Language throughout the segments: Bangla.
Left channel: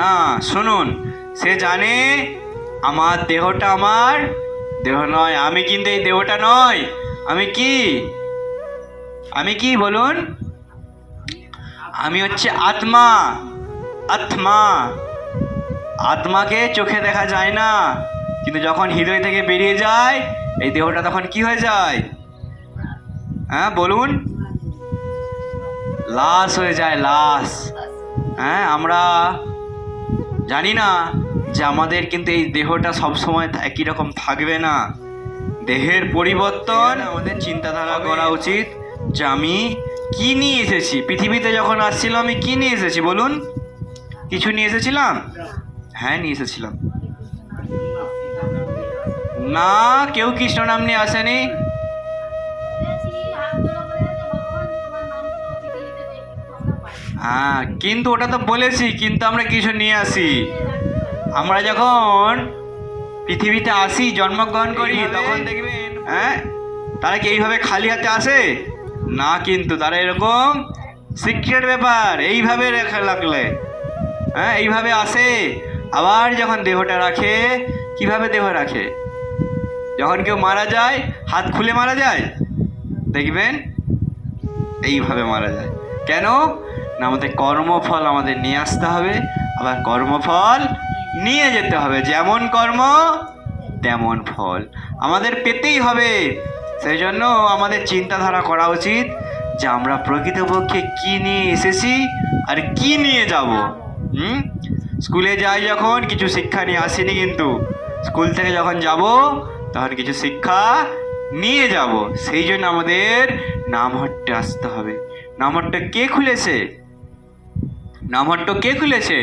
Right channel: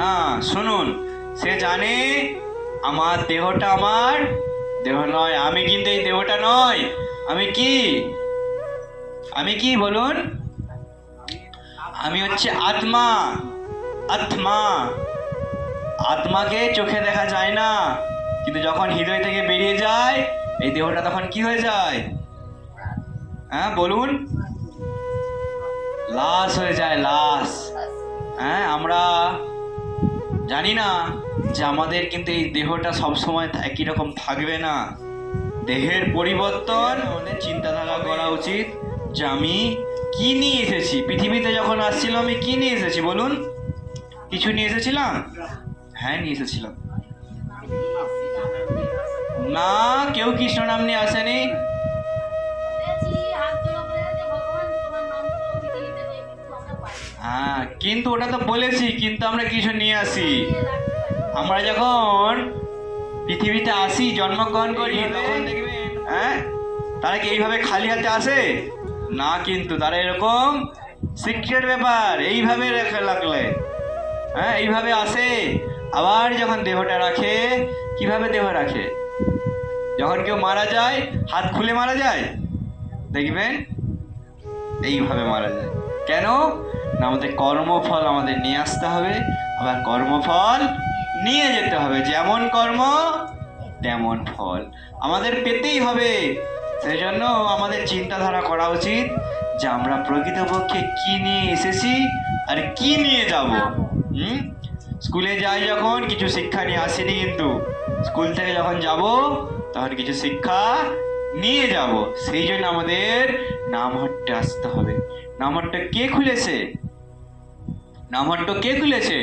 না, শুনুন, সে জানে আমার দেহটা আমার দেহ নয়। আমি কিন্তু এই দেহটা নয়। আমি কি? আমি কি বলুন? আমি হচ্ছে আত্মা। আত্মা। আত্মাকে চোখে দেখা যায় না, কিন্তু যখন হৃদয় থেকে বেরিয়ে যায় এই দেহটা তখন কি হয়ে যায়? হ্যাঁ বলুন। লাশ হয়ে যায়, লাশ। হ্যাঁ, আমরা জানি না যে আমাদের কিন্তু এই দেহটা সবসময় একই রকম থাকবে না। দেহের পরিবর্তন। আমাদের চিন্তাধারা করা উচিত যে আমি কি নিয়ে এসেছি পৃথিবীতে। যখন আসছিলাম আমি কি নিয়ে এসেছি বলুন? কিছু নিয়ে এসেছিলাম? হ্যাঁ, নিয়ে এসেছিলাম। না, কেউ কৃষ্ণ নাম নিয়ে আসেনি। হ্যাঁ, কিন্তু ওটা তো বলেছি, কিন্তু আমরা কিছু নিয়ে আসি। আমরা যখন পৃথিবীতে আসি, জন্মগ্রহণ করি, তখন দেখবেন হ্যাঁ তারা কি এইভাবে খালি হাতে আসে না, কিন্তু তারা এরকম সিক্রেট ব্যাপার এইভাবে রেখে লাগলে হ্যাঁ এইভাবে আসে। আবার যখন দেহটা রাখে, কিভাবে দেহ রাখে? যখন কেউ মারা যায় হাত খুলে মারা যায়, দেখবেন এইভাবে মারা যায়। কেন না? আমাদের কর্মফল আমাদের নিয়ে আসতে হবে, আবার কর্মফল নিয়ে যেতে হবে। যেমন কর্ম তেমন ফল আমাদের পেতেই হবে। সেই জন্য আমাদের চিন্তাধারা করা উচিত যে আমরা প্রকৃতপক্ষে কি নিয়ে এসেছি আর কি নিয়ে যাব। স্কুলে যাই যখন কিছু শিক্ষা নিয়ে আসিনি, কিন্তু স্কুল থেকে যখন যাব তখন কিছু শিক্ষা নিয়ে যাব। সেই জন্য আমাদের নামহট্টে আসতে হবে। নামহট্ট কে খুলেছে? নামহট্ট কে খুলেছে?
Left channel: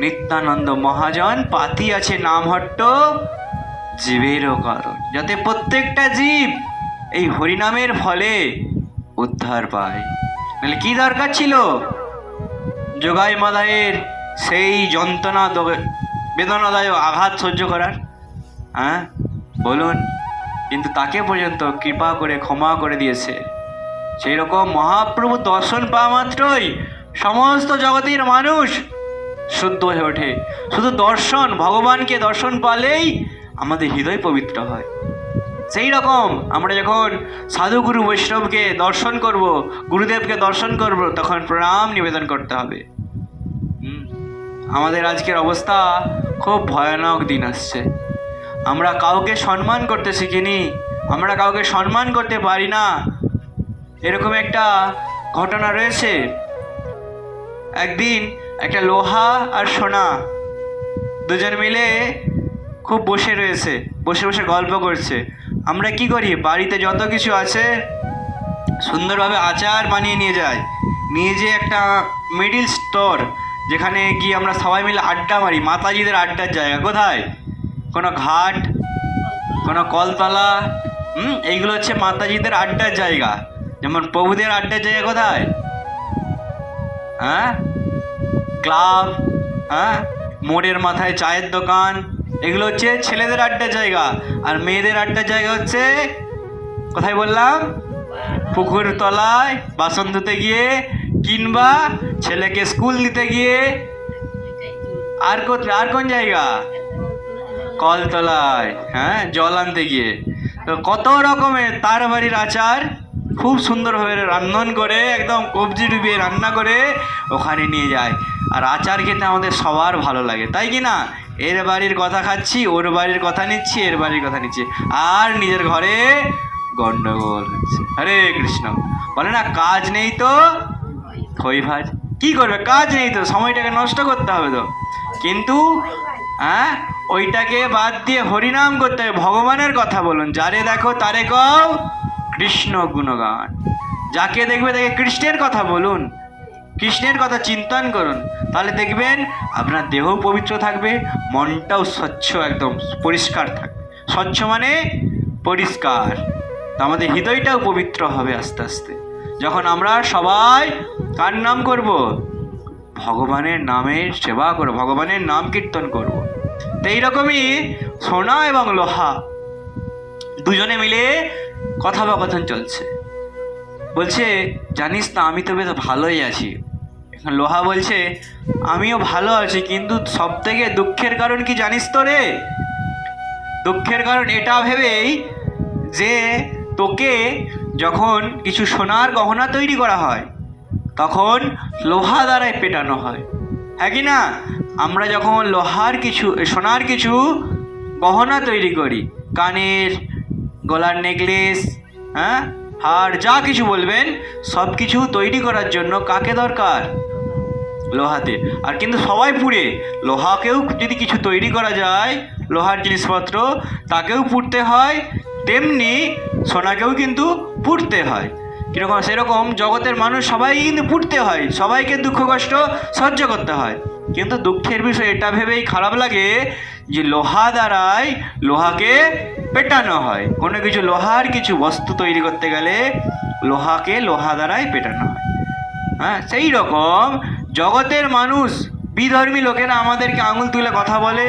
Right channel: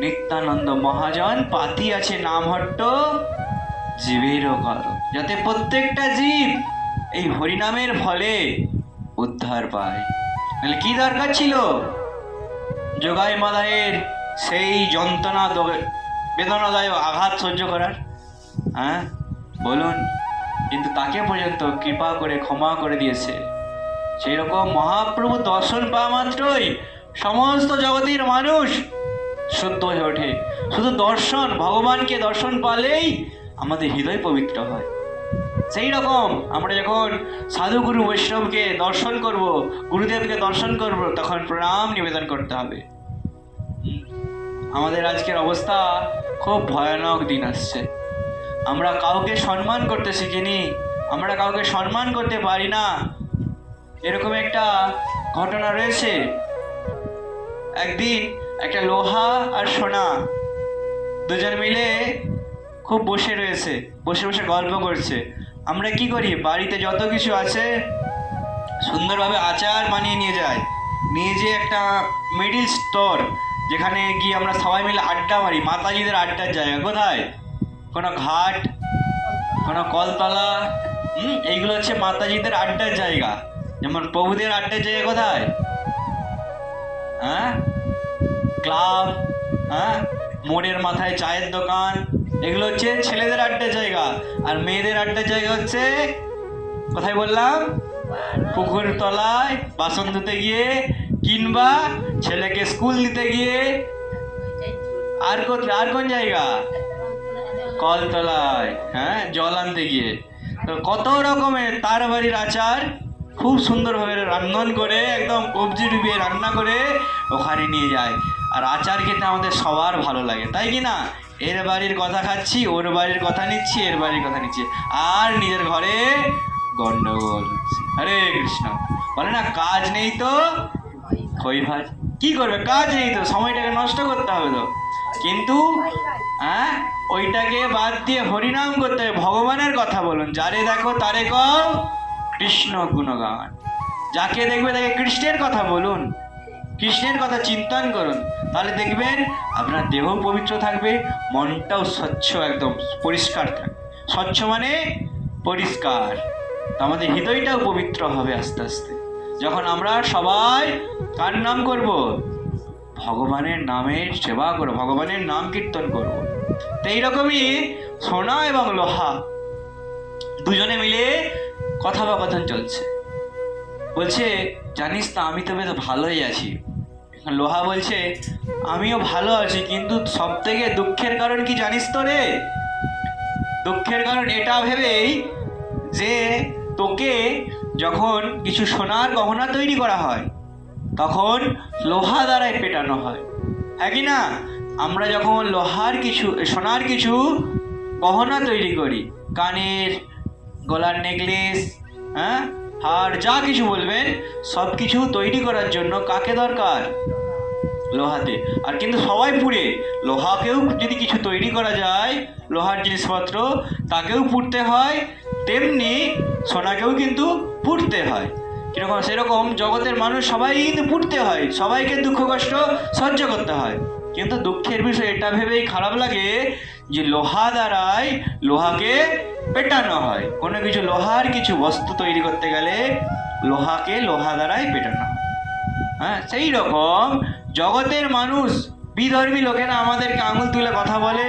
নিত্যানন্দ মহাজন পাতি আছে নামহট্ট জীবেরও কারণ, যাতে প্রত্যেকটা জীব এই হরিনামের ফলে উদ্ধার পায়। মানে কি দরকার ছিল যোগাই মাদায়ের সেই যন্ত্রণা বেদনাদায়ক আঘাত সহ্য করার? হ্যাঁ বলুন। কিন্তু তাকে পর্যন্ত কৃপা করে ক্ষমা করে দিয়েছে। সেই রকম মহাপ্রভু দর্শন পাওয়া মাত্রই সমস্ত জগতের মানুষ শুদ্ধ হয়ে ওঠে। শুধু দর্শন, ভগবানকে দর্শন পালেই আমাদের হৃদয় পবিত্র হয়। সেই রকম আমরা যখন সাধুগুরু বৈষ্ণবকে দর্শন করব, গুরুদেবকে দর্শন করব, তখন প্রণাম নিবেদন করতে হবে। আমাদের আজকের অবস্থা খুব ভয়ানক দিন আসছে। আমরা কাউকে সম্মান করতে শিখিনি, আমরা কাউকে সম্মান করতে পারি না। এরকম একটা ঘটনা রয়েছে। একদিন একটা লোহা আর সোনা দুজন মিলে খুব বসে রয়েছে, বসে বসে গল্প করছে। আমরা কি করি, বাড়িতে যত কিছু আছে সুন্দরভাবে আচার বানিয়ে নিয়ে যাই, নিয়ে যেয়ে একটা মিডিল স্টোর, যেখানে গিয়ে আমরা সবাই মিলে আড্ডা মারি। মাতাজিদের আড্ডার জায়গা কোথায়? কোনো ঘাট, কোনো কলতলা। এইগুলো হচ্ছে মাতাজিদের আড্ডার জায়গা। যেমন প্রভুদের আড্ডার জায়গা কোথায়? হ্যাঁ, ক্লাব। হ্যাঁ, মোড়ের মাথায় চায়ের দোকান, এগুলো হচ্ছে ছেলেদের আড্ডার জায়গা। আর মেয়েদের আড্ডার জায়গা হচ্ছে কোথায় বললাম? পুকুর তলায় বাসন ধুতে গিয়ে, কিংবা ছেলেকে স্কুল দিতে গিয়ে। আর কোন জায়গা? কলতলায়। হ্যাঁ, জল আনতে গিয়ে। তো কত রকমের তার বাড়ির আচার খুব সুন্দরভাবে রান্ধন করে, একদম কবজি ডুবিয়ে রান্না করে ওখানে নিয়ে যায়। আর আচার খেতে আমাদের সবার ভালো লাগে, তাই কি না? এর বাড়ির কথা খাচ্ছি, ওর বাড়ির কথা নিচ্ছি, এর বাড়ির কথা নিচ্ছি, আর নিজের ঘরে গন্ডগোল হচ্ছে। হরে কৃষ্ণ। বলে না, কাজ নেই তো খই ভাজ। কি করবে? কাজ নেই তো, সময়টাকে নষ্ট করতে হবে তো। কিন্তু হ্যাঁ, ওইটাকে বাদ দিয়ে হরিনাম করতে হবে, ভগবানের কথা বলুন। যারে দেখো তারে কও কৃষ্ণ গুণগান। যাকে দেখবে তাকে কৃষ্ণের কথা বলুন, কৃষ্ণের কথা চিন্তন করুন। তাহলে দেখবেন আপনার দেহ পবিত্র থাকবে, মনটাও স্বচ্ছ, একদম পরিষ্কার থাকবে। স্বচ্ছ মানে পরিষ্কার। আমাদের হৃদয়টাও পবিত্র হবে আস্তে আস্তে, যখন আমরা সবাই কার নাম করব? ভগবানের নামের সেবা করব, ভগবানের নাম কীর্তন করব। তো এইরকমই সোনা এবং লোহা দুজনে মিলে কথোপকথন চলছে। বলছে, জানিস না, আমি তো বেশ ভালোই আছি। লোহা বলছে আমিও ভালো আছি, কিন্তু সব থেকে দুঃখের কারণ কি জানিস তো রে? দুঃখের কারণ এটা ভেবেই যে তোকে যখন কিছু সোনার গহনা তৈরি করা হয় তখন লোহা দ্বারাই পেটানো হয়, হ্যাঁ কি না? আমরা যখন লোহার কিছু সোনার কিছু গহনা তৈরি করি, কানের, গলার নেকলেস, হ্যাঁ, হার, যা কিছু বলবেন, সব কিছু তৈরি করার জন্য কাকে দরকার? লোহাতে। আর কিন্তু সবাই পুড়ে, লোহাকেও যদি কিছু তৈরি করা যায়, লোহার জিনিসপত্র, তাকেও পুড়তে হয়, তেমনি সোনাকেও কিন্তু পুড়তে হয়। কীরকম? সেরকম জগতের মানুষ সবাই কিন্তু পুড়তে হয়, সবাইকে দুঃখ কষ্ট সহ্য করতে হয়। কিন্তু দুঃখের বিষয় এটা ভেবেই খারাপ লাগে যে লোহা দ্বারাই লোহাকে পেটানো হয়। কোনো কিছু লোহার কিছু বস্তু তৈরি করতে গেলে লোহাকে লোহা দ্বারাই পেটানো হয়। হ্যাঁ, সেই রকম জগতের মানুষ, বিধর্মী লোকেরা আমাদেরকে আঙুল তুলে কথা বলে,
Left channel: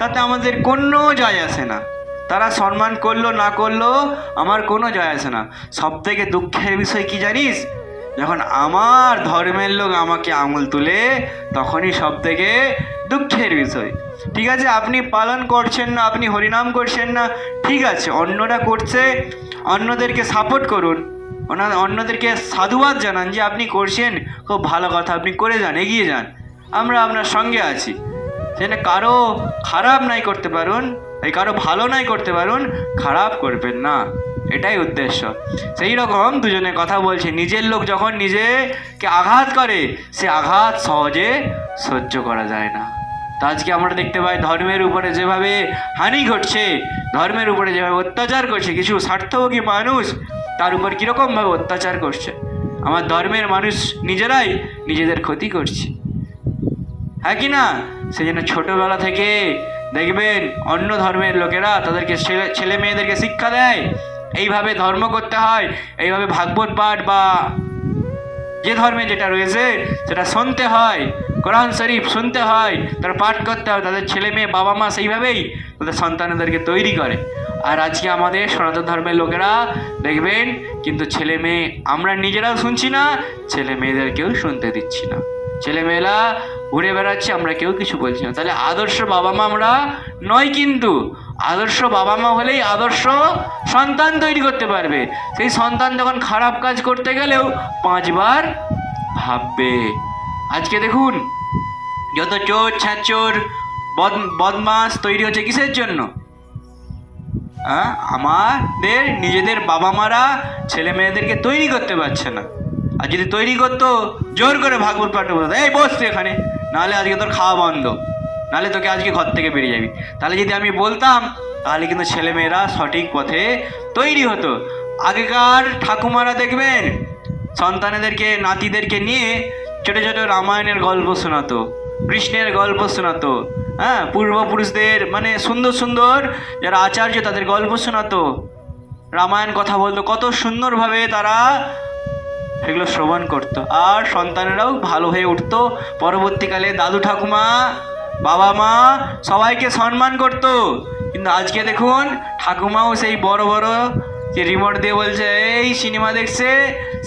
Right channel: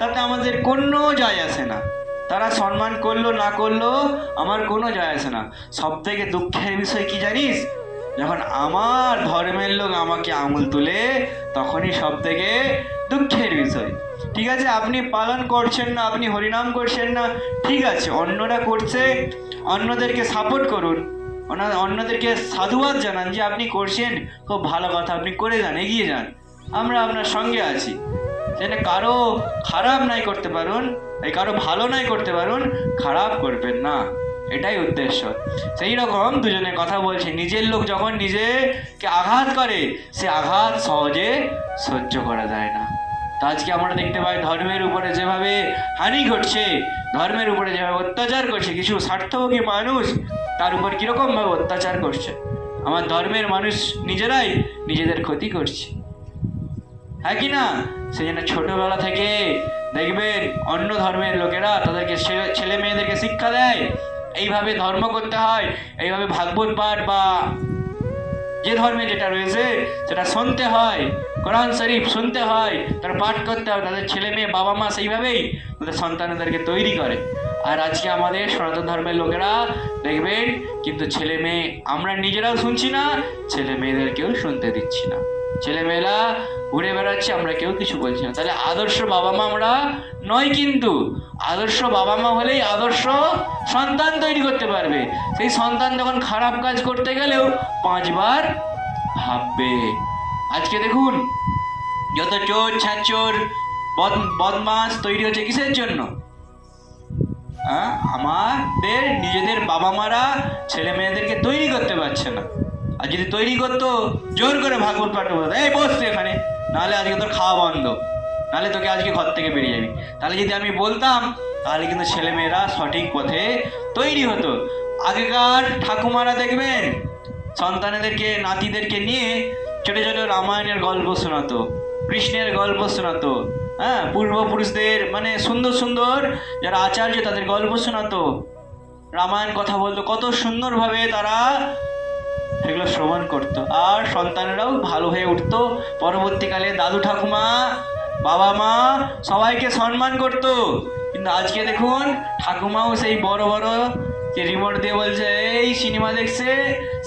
তাতে আমাদের কোনো যায় আসে না। তারা সম্মান করলো না করলো আমার কোনো যায় আসে না। সব থেকে দুঃখের বিষয় কি জানিস? যখন আমার ধর্মের লোক আমাকে আঙুল তুলে, তখনই সব থেকে দুঃখের বিষয়। ঠিক আছে, আপনি পালন করছেন না, আপনি হরিনাম করছেন না, ঠিক আছে, অন্যরা করছে, অন্যদেরকে সাপোর্ট করুন, অন্যদেরকে সাধুবাদ জানান যে আপনি করছেন, খুব ভালো কথা, আপনি করে যান, এগিয়ে যান, আমরা আপনার সঙ্গে আছি। সেটা কারো খারাপ নাই করতে পারুন, এই কারো ভালো নাই করতে পারুন, খারাপ করবেন না, এটাই উদ্দেশ্য। সেই রকম দুজনে কথা বলছে, নিজের লোক যখন নিজেকে আঘাত করে, সে আঘাত সহজে সহ্য করা যায় না। তা আজকে আমরা দেখতে পাই ধর্মের উপরে যেভাবে হানি ঘটছে, ধর্মের উপরে যেভাবে অত্যাচার করছে কিছু স্বার্থভোগী মানুষ, তার উপর কীরকমভাবে অত্যাচার করছে। আমার ধর্মের মানুষ নিজেরাই নিজেদের ক্ষতি করছে, হ্যাঁ কি না? সেই জন্য ছোটোবেলা থেকে দেখবেন অন্য ধর্মের লোকেরা তাদেরকে ছেলে মেয়েদেরকে শিক্ষা দেয়, এইভাবে ধর্ম করতে হয়, এইভাবে ভাগবত পাঠ বা যে ধর্মে যেটা রয়েছে সেটা শুনতে হয়, কোরআন শরীফ শুনতে হয়, তারা পাঠ করতে হয়। তাদের ছেলে মেয়ে বাবা মা সেইভাবেই তাদের সন্তানদেরকে তৈরি করে। আর আজকে আমাদের সনাতন ধর্মের লোকেরা দেখবেন কিন্তু ছেলে মেয়ে আমরা নিজেরাও শুনছি না, ছেলে মেয়েদেরকেও শুনতে দিচ্ছি না, ছেলেমেয়েরা ঘুরে বেড়াচ্ছে, আমরা কেউ কিছু বলছি না। তাহলে আদর্শ বাবা মা আমরা নয়, কিন্তু আদর্শ বাবা মা হলেই আদর্শ সন্তান তৈরি করতে পারবে। সেই সন্তান যখন খারাপ কাজ করতে গেলেও 5 বার ভাববে। আজকে দেখুন যত চোর ছ্যাচোর বদমাস তৈরি হচ্ছে কিসের জন্য? আমাদের নিজেদের বাবা মারা ছেলে মেয়েদেরকে তৈরি করতে পারছে না। আর যদি তৈরি করতো, জোর করে ভাগবত পাঠ বলতো, এই বস তুই এখানে, নাহলে আজকে তোর খাওয়া বন্ধ, নাহলে তোকে আজকে ঘর থেকে বেরিয়ে যাবি। তাহলে যদি আমি বলতাম, তাহলে কিন্তু ছেলেমেয়েরা সঠিক পথে তৈরি হতো। আগেকার ঠাকুমারা দেখবেন সন্তানেদেরকে, নাতিদেরকে নিয়ে ছোটো ছোটো রামায়ণের গল্প শোনাতো, কৃষ্ণের গল্প শোনাতো, হ্যাঁ, পূর্বপুরুষদের মানে সুন্দর সুন্দর যারা আচার্য তাদের গল্প শোনাতো, রামায়ণ কথা বলতো, কত সুন্দরভাবে তারা সেগুলো শ্রবণ করতো। আর সন্তানেরাও ভালো হয়ে উঠতো। পরবর্তীকালে দাদু ঠাকুমা বাবা মা সবাইকে সম্মান করতো। কিন্তু আজকে দেখুন ঠাকুমাও সেই বড় বড় যে রিমোট দিয়ে বলছে এই সিনেমা দেখছে,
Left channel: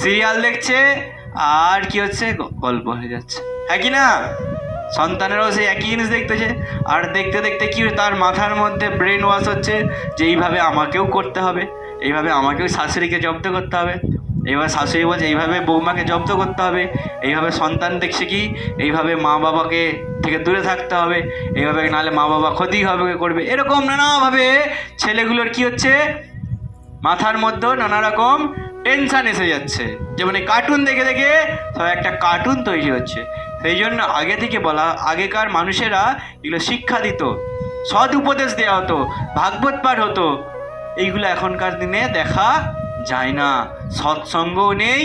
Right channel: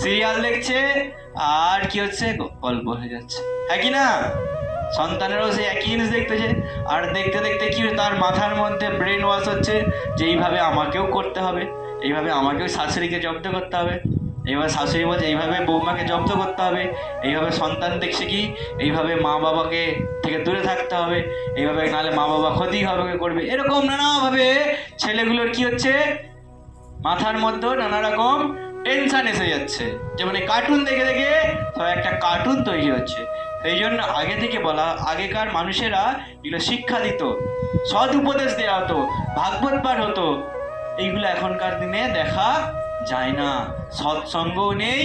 সিরিয়াল দেখছে, আর কি হচ্ছে, গল্প হয়ে যাচ্ছে, হ্যাঁ কি না? সন্তানেরাও সেই একই জিনিস দেখতেছে। আর দেখতে দেখতে কি তার মাথার মধ্যে ব্রেন ওয়াশ হচ্ছে যে এইভাবে আমাকেও করতে হবে, এইভাবে আমাকেও শাশুড়িকে জব্দ করতে হবে, এইভাবে শাশুড়ি বলছে এইভাবে বৌমাকে জব্দ করতে হবে, এইভাবে সন্তান দেখছে কি এইভাবে মা বাবাকে থেকে দূরে থাকতে হবে, এইভাবে নাহলে মা বাবা ক্ষতি হবে করবে। এরকম নানাভাবে ছেলেগুলোর কি হচ্ছে, মাথার মধ্যেও নানা রকম টেনশন এসে যাচ্ছে। যেমন এই কার্টুন দেখে দেখে সব একটা কার্টুন তৈরি হচ্ছে। সেই জন্য আগে থেকে বলা, আগেকার মানুষেরা এগুলো শিক্ষা দিত, সৎ উপদেশ দেওয়া হতো, ভাগবত পাঠ হতো। এইগুলো এখনকার দিনে দেখা যায় না, সৎসঙ্গও নেই,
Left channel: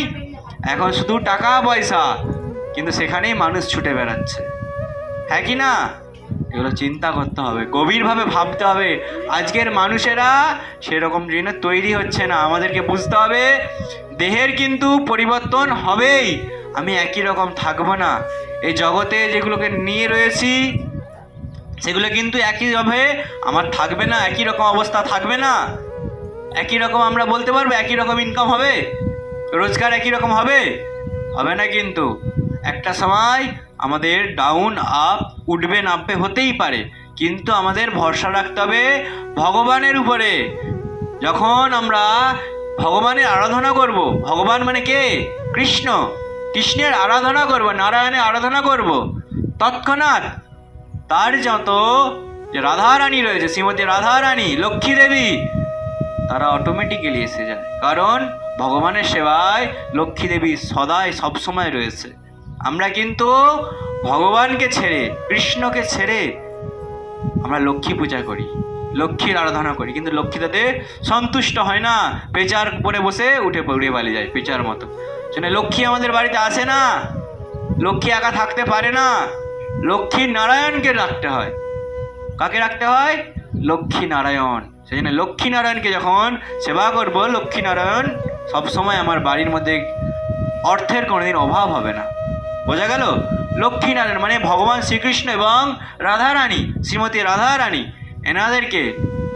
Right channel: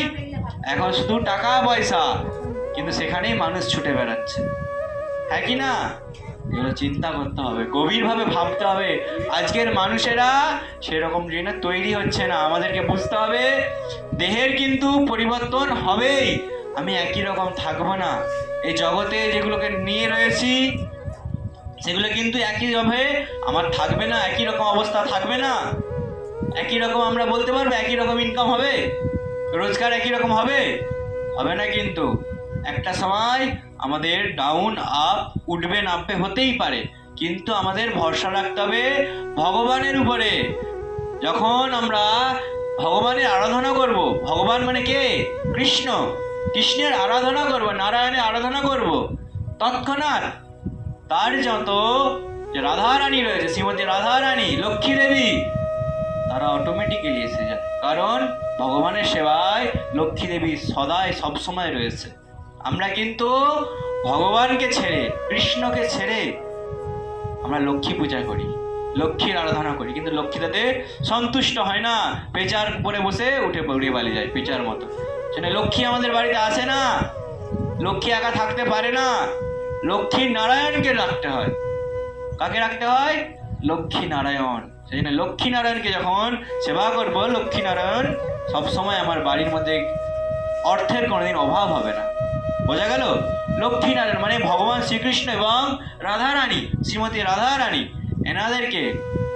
এখন শুধু টাকা পয়সা, কিন্তু সেখানেই মানুষ ছুটে বেড়াচ্ছে, হ্যাঁ কি না? এগুলো চিন্তা করতে হবে, গভীরভাবে ভাবতে হবে। আজকের মানুষেরা সেরকম জিনিস তৈরি হচ্ছে না। আমাদেরকে বুঝতে হবে দেহের কিন্তু পরিবর্তন হবেই, আমি একই রকম থাকবো না। এই জগতে যেগুলোকে নিয়ে রয়েছি সেগুলো কিন্তু একইভাবে আমার থাকবে না, একই রকম অবস্থা থাকবে না। একই রকম আমরা বলতে পারবো একই রকম ইনকাম হবে, রোজগার একই রকম হবে, হবে না। কিন্তু একটা সময় আমাদের ডাউন আপ উঠবে নামবে হতেই পারে, কিন্তু আমাদের ভরসা রাখতে হবে ভগবানের উপরে। যখন আমরা ভগবানের আরাধনা করব, ভগবান মানে কে? কৃষ্ণ। কৃষ্ণের আরাধনা করব, নারায়ণের আরাধনা করব, তৎক্ষণাৎ তার যত যে রাধারানী রয়েছে, শ্রীমতী রাধারানী, লক্ষ্মী দেবী, তারা অটোমেটিক্যালি এসে যায়। কারণ ভগবানের সেবায় লক্ষ্মী দেবী সদাই সবসময় রয়েছে। আমরা কিন্তু ভগবানকে ছেড়ে, কৃষ্ণকে ছেড়ে আমরা লক্ষ্মী পূজা করি, লক্ষ্মীর আরাধনা করি, কিন্তু লক্ষ্মী তাতে সন্তুষ্ট হয় না, পেঁচার উপরে বসে উঠে পালিয়ে যায় পেঁচার মতো। সেটা লক্ষ্মী আমাদের বাড়িতে আসে না, লক্ষ্মী একা থাকতে পারে না, লক্ষ্মী নারায়ণকে রাখতে হয়। কাকে রাখতে হয়? লক্ষ্মী নারায়ণ। সেই জন্য লক্ষ্মী নারায়ণকে যখন সেবা করব, লক্ষ্মী নারায়ণ সবসময় আমার বাড়ির মধ্যে অর্থের কোনোদিন অভাব হবে না। বোঝা গেল? লক্ষ্মী নারায়ণ মানে ভগবান শ্রীকৃষ্ণ এবং রাধারানী, শ্রীমতী রাধারানী, এনাদেরকে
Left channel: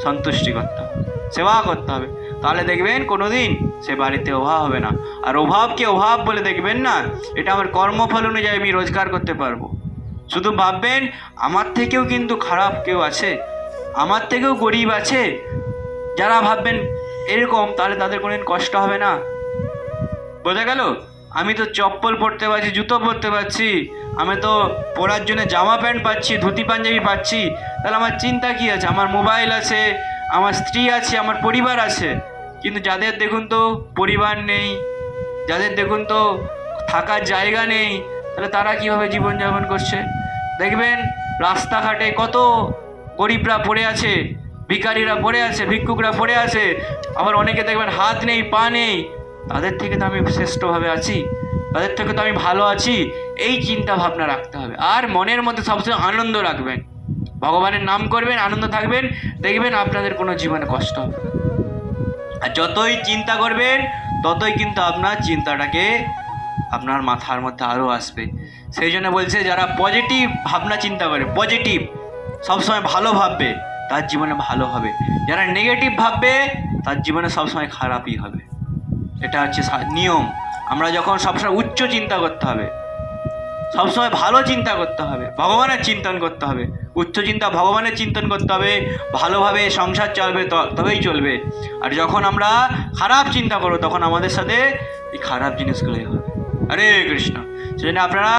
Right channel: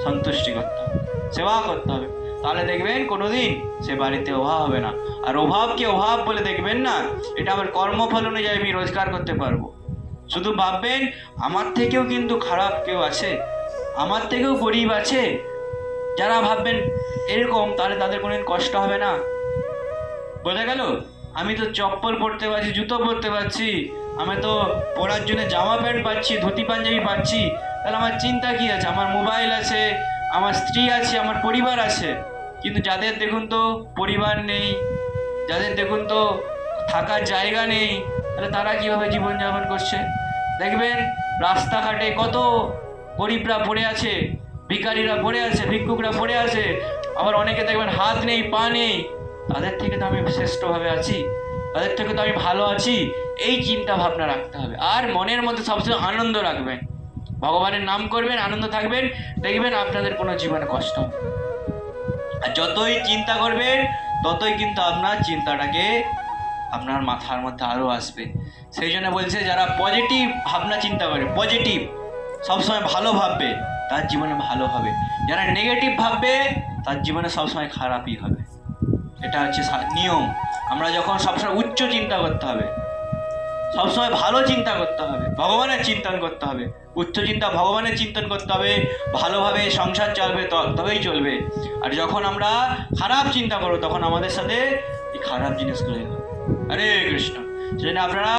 সন্তুষ্টি করতে হবে, সেবা করতে হবে। তাহলে দেখবেন কোনোদিন সে বাড়িতে অভাব হবে না। আর অভাবকে অভাব বলে দেখবেন না, এটা আমার কর্মফল অনুযায়ী আমি রোজগার করতে পারবো। শুধু ভাববেন আমার থেকেও কিন্তু খারাপ কেউ আছে, আমার থেকেও গরিব আছে, যারা ভাববেন এরকম, তাহলে তাদের কোনোদিন কষ্ট হবে না। বোঝা গেল? আমি তো চপ্পল পরতে পারছি, জুতো পরতে পারছি, আমি তো পরার জন্য জামা প্যান্ট পাচ্ছি, ধুতি পাঞ্জাবি পাচ্ছি, তাহলে আমার চিন্তা কি আছে? আমার মোবাইল আছে, আমার স্ত্রী আছে, আমার পরিবার আছে। কিন্তু যাদের দেখুন তো পরিবার নেই, যাদের দেখুন তো থাকার জায়গা নেই, তাহলে তারা কীভাবে জীবনযাপন করছে? দেখবেন রাস্তাঘাটে কত গরিবরা পড়ে আছে, ভিখারিরা পড়ে আছে, ভিক্ষুকরা পড়ে আছে, আবার অনেকে দেখবেন হাত নেই, পা নেই। তাদের থেকে তো আমি শ্রেষ্ঠভাবে আছি, তাদের থেকে তো আমি ভালো আছি, এই চিন্তা ভাবনা রাখতে হবে। আর মনের মধ্যে সবসময় আনন্দ রাখবেন, ভগবানের নাম করবেন, আনন্দ থাকবেন, দেখবেন আপনাদের কোনো জীবনে কষ্ট হবে। আর যতই চিন্তা করবেন ততই কিন্তু আপনার চিন্তাটাকে আপনার মাথার মধ্যে আরও আসবে। সেই জন্য বলছে যারা পজিটিভ ভাবনা চিন্তা করে, পজিটিভ সবসময় ভালো ভাববে, তার জীবনে ভালো হবে। যারা নেগেটিভ ভাববে তার জীবনে সবসময় খারাপই হবে। এটা হচ্ছে নিয়ম। আমরা যখন সবসময় উচ্চ চিন্তা করতে হবে, সবসময় ভালো চিন্তা করতে হবে, ভগবানের চিন্তন করতে হবে, উচ্চ চিন্তা ভগবানের চিন্তন করতে হবে, ভালোভাবে সংসার চলবে, তবেই চলবে। আর যখন আমরা খারাপ চিন্তা করবো তখন আমাদের সাথে এই খারাপ জিনিসগুলোই হবে। হরে কৃষ্ণ। সেজন্য আপনারা